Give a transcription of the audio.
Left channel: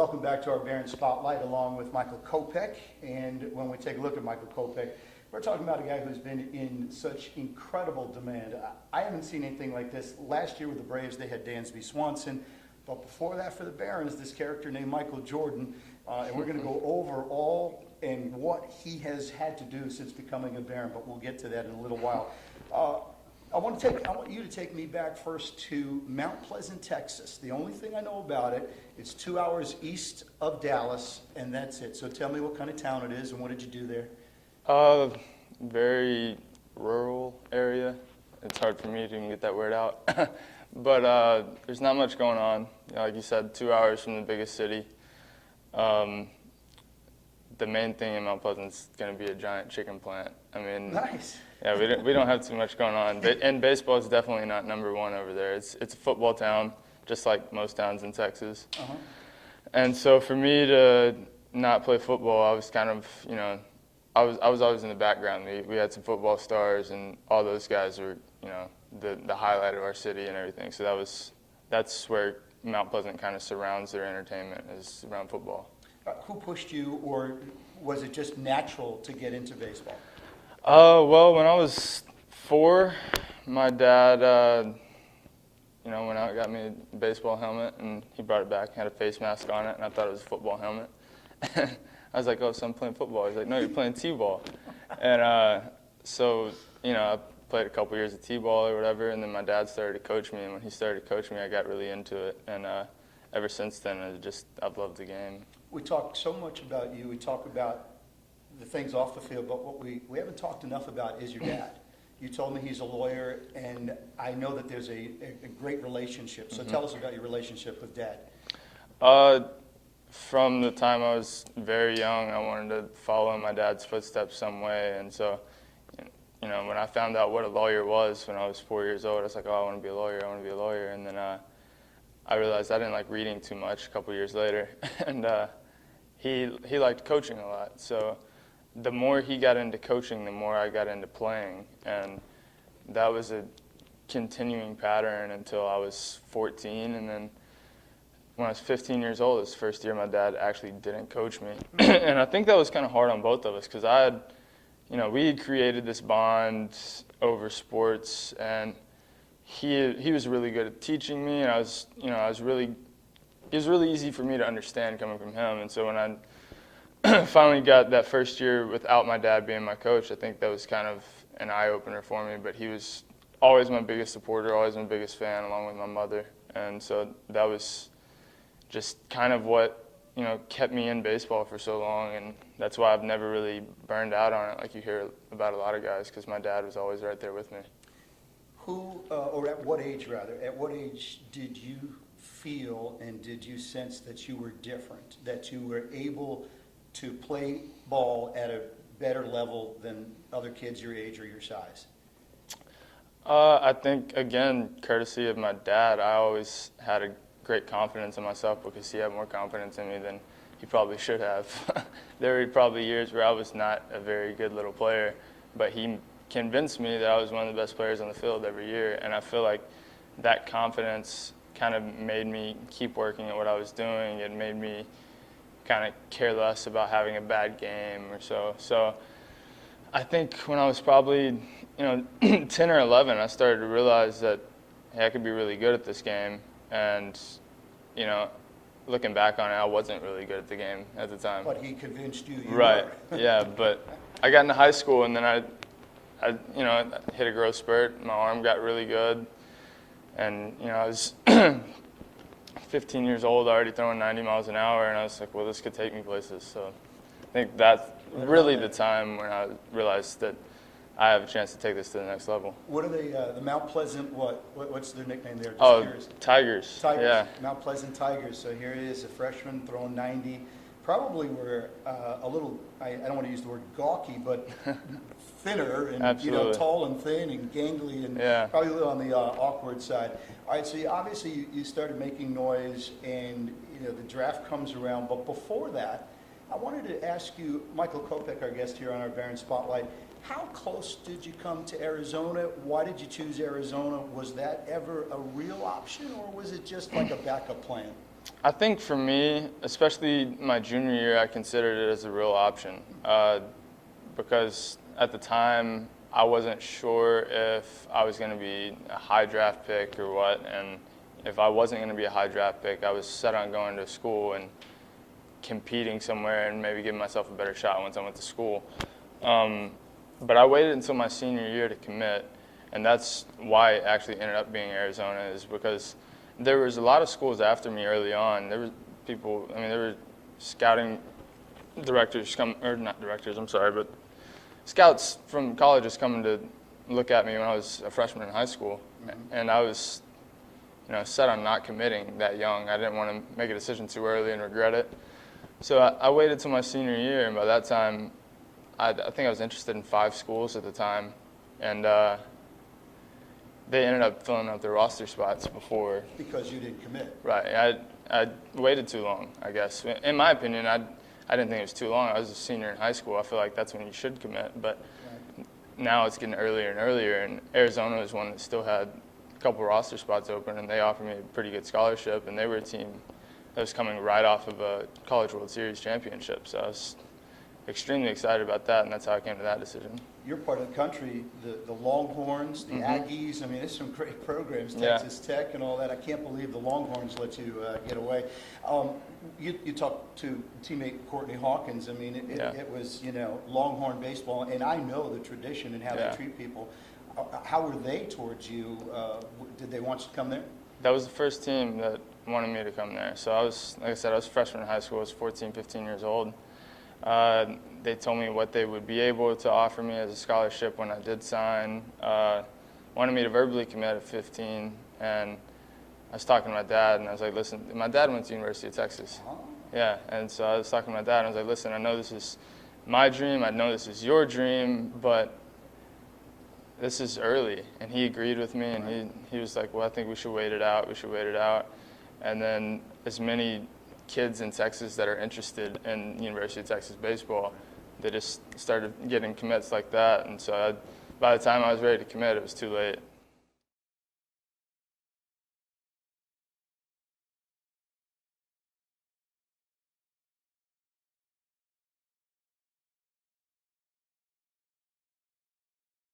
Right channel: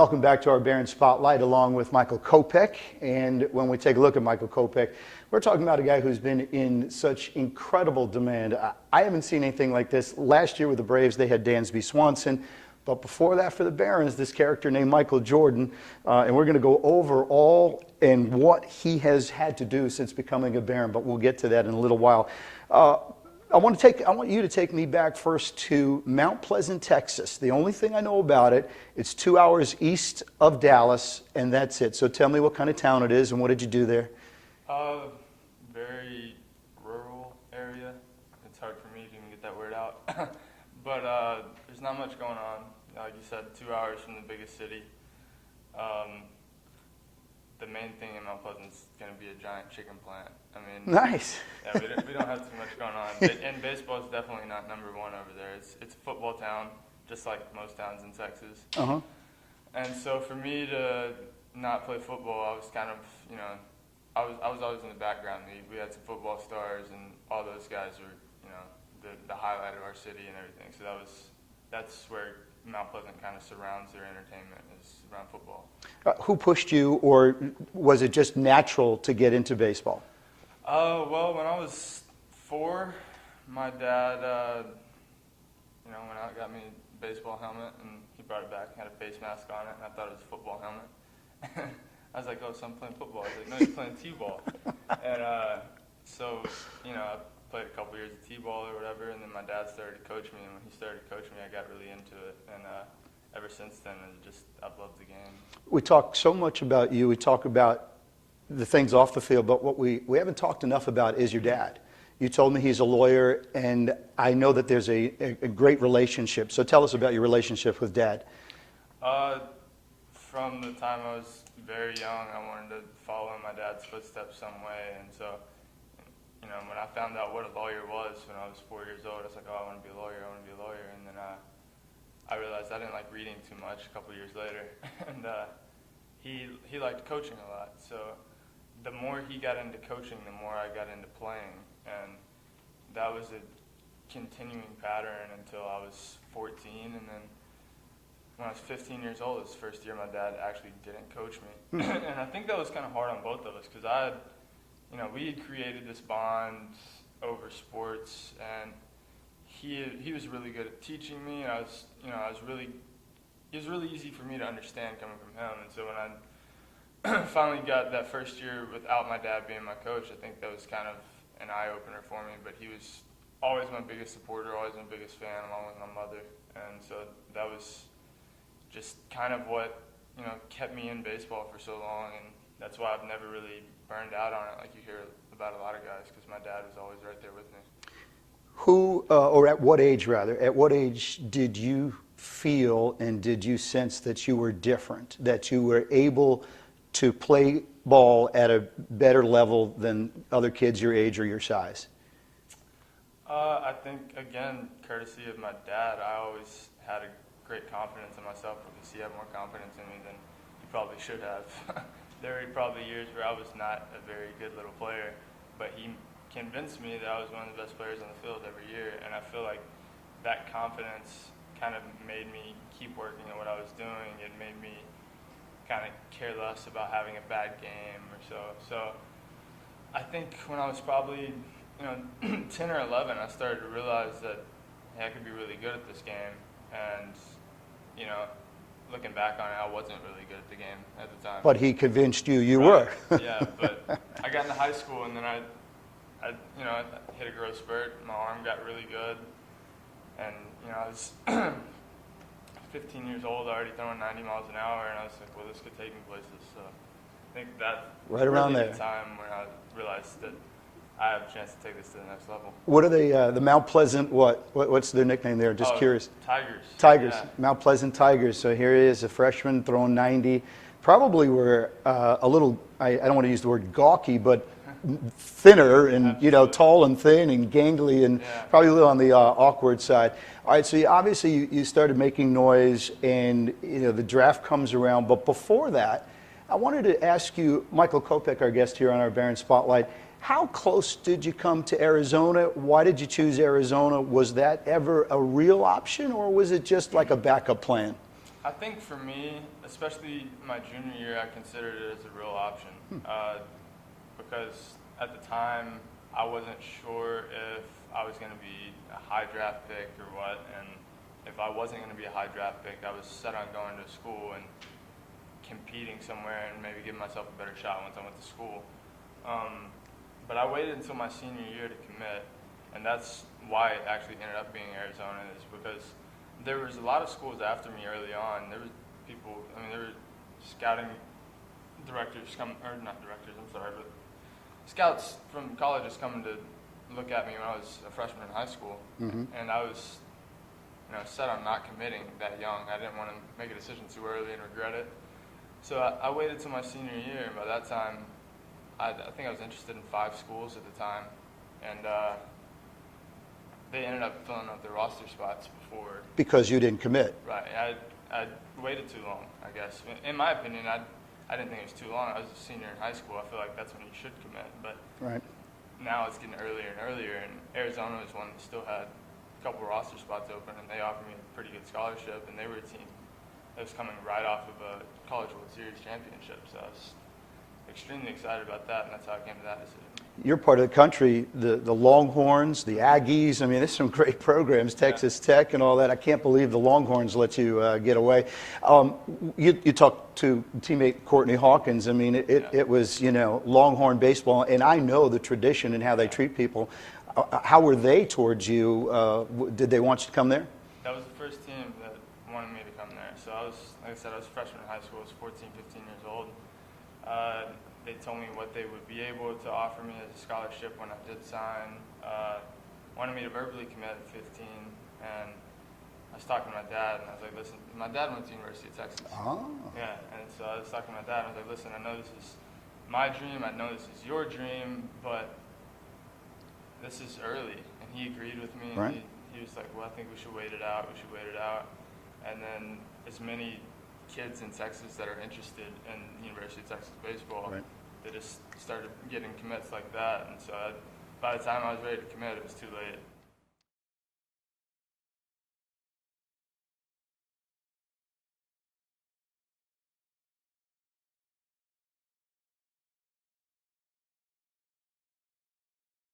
Welcome back to our Barron Spotlight along with Michael Kopech. And when we take a look at Michael Kopech, we're talking about a guy who's been in such incredible demand. I haven't seen anything like this. Last year with the Braves, they had Dansby Swanson. But before that for the Barons, this character named Michael Jordan. And we're going to go over all and what he has had to do since becoming a Baron. But we'll get to that in a little while. I want you to take me back first to Mount Pleasant, Texas. The only thing I know about it, it's 2 hours east of Dallas, and that's it. So tell me what kind of town it is and what did you do there? Very rural area. It's hard for me to even get that word out. But there's not much going on. Like you said, 2 hours from the biggest city. The main thing in Mount Pleasant is going to be a giant chicken plant. I mean, nice. Yeah, we don't have too much going on. And baseball is definitely not number one over there. It's a football town, just like most towns in Texas. Uh-huh. And so for me to not play football, I was kind of, I was always in the background. We had some football stars, and all those guys were, the highlight of our city and everything. So that's where Mount Pleasant kind of surrounds their entertainment, is around football. Who pushed you, or was it just natural to get into baseball? Well, when I was 4, my dad, went out and got me a baseball helmet, and he brought it back, had a face mask on it, and I thought it was a football helmet. I was like, oh, so I'm playing football. He's like, no, you're playing T-ball. And so, I played a couple years of T-ball or whatever, and then my dad started to coach me, and when he started to coach me, I got really into it. And ever since then, I've loved the game. We talk so much about you. We talk about the things off the field, but what we haven't talked enough about is your dad. You told me he's a lawyer, and I know that there's a great relationship. So tell us about your relationship with Dad. From the time I was very young, I wanted to follow in my dad's footsteps some way. And so, when I found out what a lawyer was when I was 4 years old, I was like, oh, I want to be a lawyer, I want to be a lawyer. And then I realized I didn't like reading too much a couple years later. And he liked coaching a lot. So the more he got into coaching, the more I got into playing. And that was a continuing pattern until I was 14. And then when I was 15 years old, this first year, my dad actually didn't coach me. And I think that was kind of hard on both of us, because we had created this bond over sports, and he was really good at teaching me, and it was really easy for me to understand coming from him. And so when I finally got that first year without my dad being my coach, I think that was kind of an eye-opener for me. But he was always my biggest supporter, always my biggest fan, along with my mother. And so that was just kind of what kept me in baseball for so long, and that's why I've never really burned out on it like you hear about a lot of guys, because my dad was always right there with me. Or at what age did you feel and did you sense that you were different, that you were able to play ball at a better level than other kids your age or your size? I think, again, courtesy of my dad, I always had a great confidence in myself, because he had more confidence in me than he probably should have. There were probably years where I was not a very good little player, but he convinced me that I was one of the best players on the field every year. And I feel like that confidence kind of made me keep working at what I was doing. It made me kind of care less about having a bad game or so. So I think when I was probably 10 or 11, I started to realize that, hey, I could be really good at this game. And looking back on it, I wasn't really good at the game at the time. But he convinced you right. were. Yeah, but I got into high school, and then I hit a growth spurt. My arm got really good, and I was 15 years old, already throwing 90 miles an hour, and I was like, well, this could take me places. So I think that's really the time when I realized that I have a chance to take this to the next level. What are they, the Mount Pleasant, what's their nickname there? Just curious. Tigers. Tigers, yeah. Mount Pleasant Tigers. So here he is, a freshman throwing 90. Probably were a little, I don't want to use the word gawky, but thinner and, Absolutely. Tall and thin and gangly and probably a little on the awkward side. All right, so you started making noise, and, the draft comes around. But before that, I wanted to ask you, Michael Kopech, our guest here on our Barron Spotlight, how close did you come to Arizona? Why did you choose Arizona? Was that ever a real option, or was it just like a backup plan? I think for me, especially my junior year, I considered it as a real option because at the time I wasn't sure if I was going to be a high draft pick or what, and if I wasn't going to be a high draft pick, I was set on going to school and competing somewhere and maybe giving myself a better shot once I went to school. But I waited until my senior year to commit, and that's why it actually ended up being Arizona, is because there was a lot of schools after me early on. There were people, I mean, there were scouting directors or not directors, I'm sorry, but scouts from colleges coming to look at me when I was a freshman in high school. Mm-hmm. And I was, set on not committing that young. I didn't want to make a decision too early and regret it. So I waited till my senior year, and by that time, I think I was interested in 5 schools at the time, and they ended up filling out their roster spots before. Because you didn't commit. Right. I waited too long, I guess. In my opinion, I didn't think it was too long. I was a senior in high school. I feel like that's when you should commit. But right. Now it's getting earlier and earlier, and Arizona was one that still had a couple roster spots open, and they offered me a pretty good scholarship, and they were a team that was coming right off of a College World Series championship. So I was extremely excited about that, and that's how I came to that decision. Your part of the country, the Longhorns, the Aggies, I mean, there's some great programs, Texas Tech and all that. I can't believe the Longhorns let you get away. You talked to teammate Courtney Hawkins. I mean, it was, Longhorn baseball, and I know the tradition and how they treat people. How were they towards you? Did they want you to come there? That was the first team that wanted me to come there. So I was, like I said, I was a freshman in high school. I was 14, 15 years old. They told me what they would be able to offer me as a scholarship when I did sign. Wanted me to verbally commit at 15, and I was talking to my dad, and I was like, listen, my dad went to the University of Texas. Oh. Yeah, and so I was talking to my dad, and I was like, listen, I know this is my dream, I know this is your dream, but this is early. And he agreed with me, and right. he was like, well, I think we should wait it out, And then as many kids in Texas that are interested in University of Texas baseball, right. They just started getting commits like that. And so by the time I was ready to commit, it was too late.